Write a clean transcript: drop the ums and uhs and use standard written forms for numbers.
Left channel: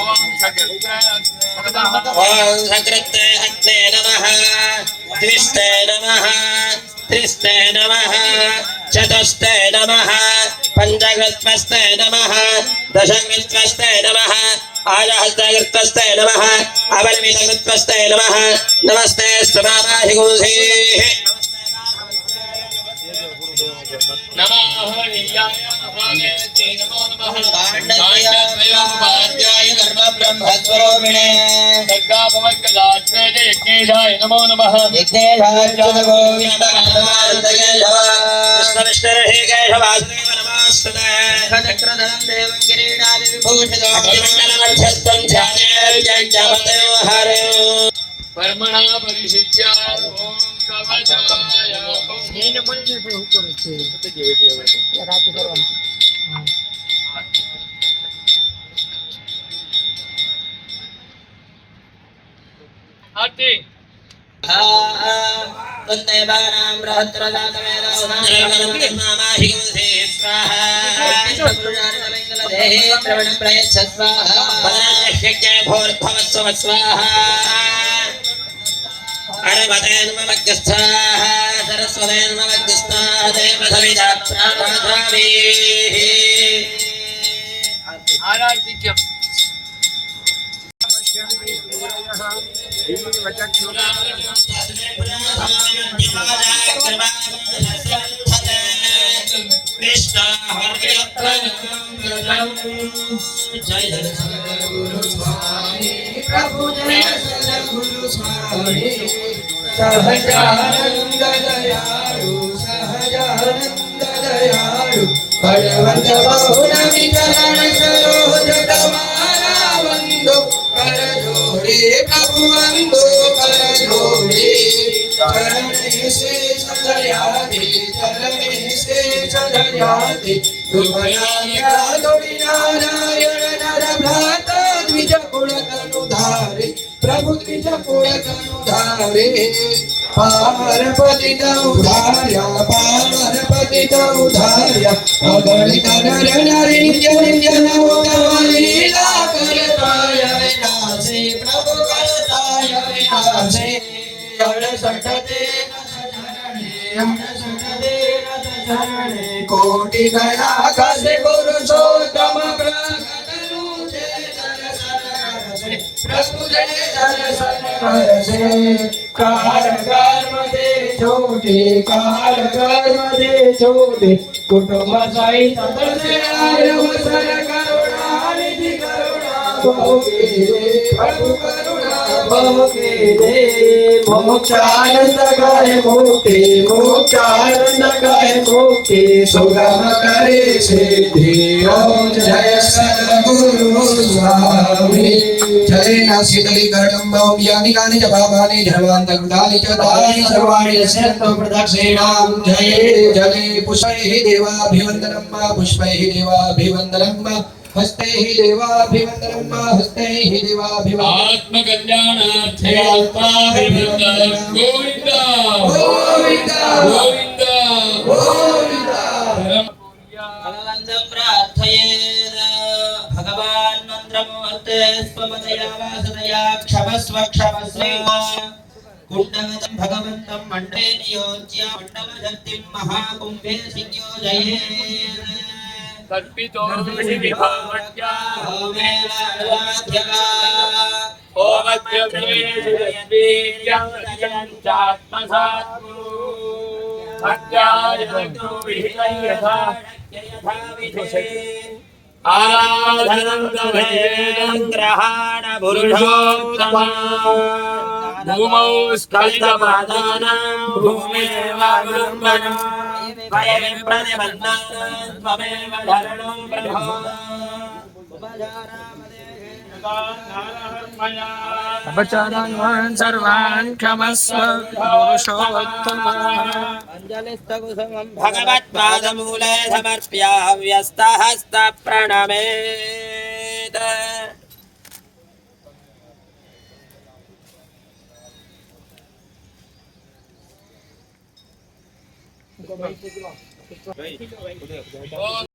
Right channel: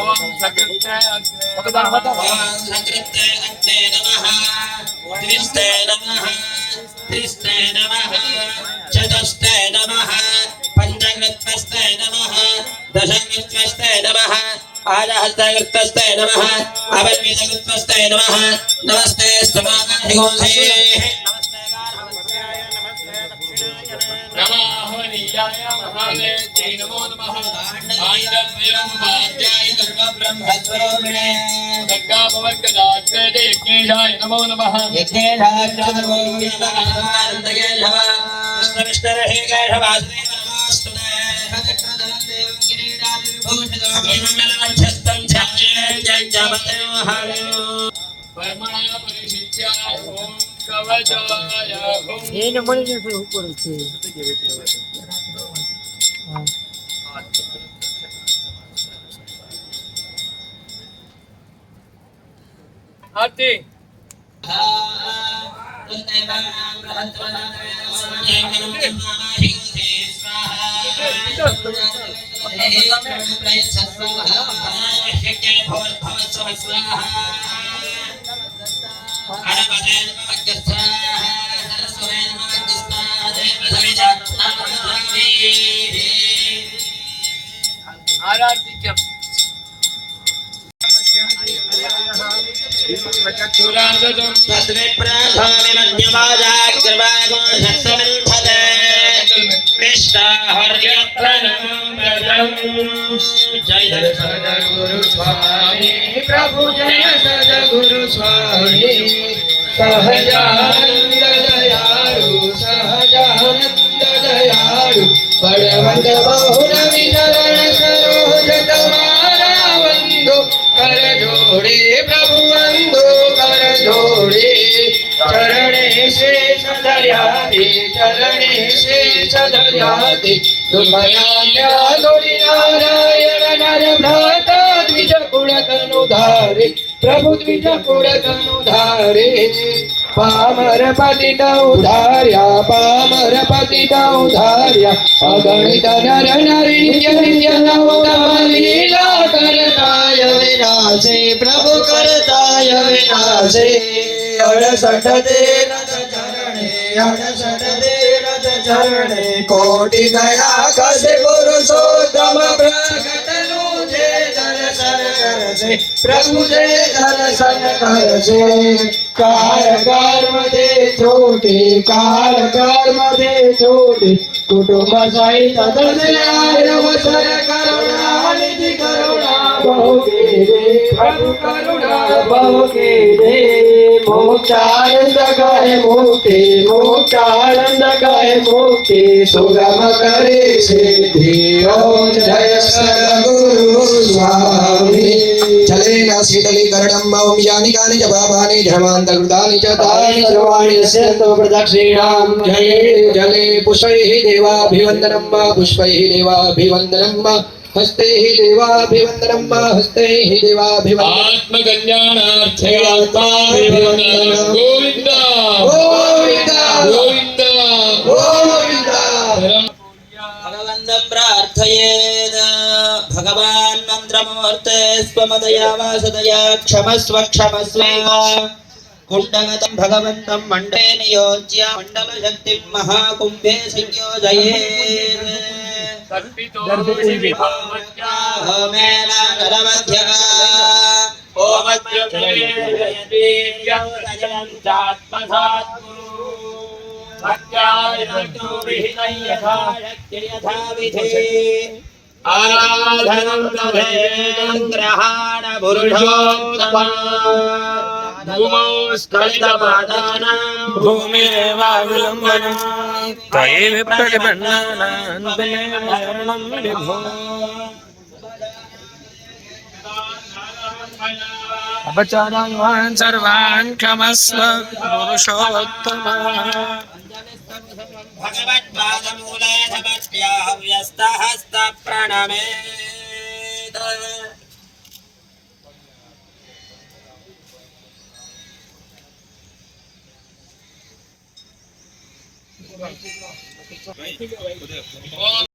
ओम सकृते अग्ने नमः त्रिस्ते नमः त्रिस्ते नमः चतुस्ते नमः पंचकृत्वस्ते नमः दशकृत्वस्ते नमः आजहस्तकृत्वस्ते नमः अवल्मितकृत्वस्ते नमः नमस्ते स्तवाहिगुंसेः नमो हरियाय महादेव्यै नमो नमः काण्डद्वयमुपाध्याय गर्भब्रह्मस्वरूपिणे सर्गापवर्गदात्रे यज्ञेशाय नमो नमः यज्ञेशाय कृष्णविष्णुर्हि केशवासुदेव नमोस्तुते खचक्रधरं देवं किरीटादि विभूषितो मण्डलमध्यस्थं ध्यायेत्यज्ञपतयो हरिं कर्मणा परिशिष्य ओम कवचाय એને મળી જશે ઉપર છે રાતે કરવાનું હા आरती तन्देवानां रहस्रदातमेवामाहिंसे स्वाहा प्रवणं प्रयच्छस्वाहा पराशक्त्यै भोर्भवस्व स्वाहा अरवतेन्मग्गस्थाः सरस्वतेन्मग्गस्थाः देवधविदा प्राणधावीः आरती क्या जय सद्गुरु स्वामी प्रभु जय सद्गुरु स्वामी सहजानंद दयालु सहजानंद दयालु बलवंत बहुन विचरण सरोज तुम्हारा वंदो कर जोड़े प्रभु वंदो कर जोड़े चरणे से सदयाते चरणे से सदयाते दुखया दोड़ी नारायण नर भ्रात द्विज कुल तनुधारे प्रभु द्विज कुल तनुधारे पामर पतित उधार्या पामर पतित उधार्या अगणित नर नारी नित्य लीला करताय विनाशे प्रभु करताय विनाशे अड़सठ देनत चरणे कोटि गया कसे पुरुषोत्तम प्रकट लूजे दर्शन करसे प्रभु जय दर्शन करसे काल कर्मदे छोटे काल कर्मदे छोटे कुटुंब सहित दर्शनावसर करुणा निधि करुणा बहुके दे प्रभु करुणा बहुके दे मोक्षानंद गाय मुक्ति मोक्षानंद गाय मुक्ति सुगम करे सिद्धि ओम जय सद्गुरु स्वामी जलेन शीतलीकरणं मम यानि कानि च पापानि धर्मान्तकृतानि च तानि सर्वाणि नश्यन्तु प्रदक्षिणां जये जले पुष्पैः देवाभिवन्दनं वा पुष्पैः देवाभिवन्दनं वा हस्तैः देवाभिवन्दनं वा हस्तैः देवाभिवन्दनं आत्मकल्याणार्थयात्माभिवन्दनं गोविन्द गोविन्द गोविन्द गोविन्द भगवन्तं प्रार्थयेत् भगवान् मन्त्रमूर्ते स्वमदया वासदया क्षमस्व क्षमस्व कुण्डगतं भगवन्तं मण्डले नियोज्य मण्डलशक्तिं महाकुम्भे संयोजयेत् कल्पितो शिविभावत्या होमेन नरमध्यगा ओमद्यवीर्यं रजन्त्यात्मसात्गुरु भक्त्यायन्तु विहितं यथा शक्ति यथा विधि आराधनं दभेदं ग्रहाण पुरुषोत्तमा भूमौ स्खलितमादानां भूमिरेवावलम्बनं तयेव प्रतिपन्नानां तमेव धर्मं अपचारान् सर्वान् क्षमस्व पुरुषोत्तम भगवत्पादमूले समर्प्य व्यस्तहस्त प्रणमेत्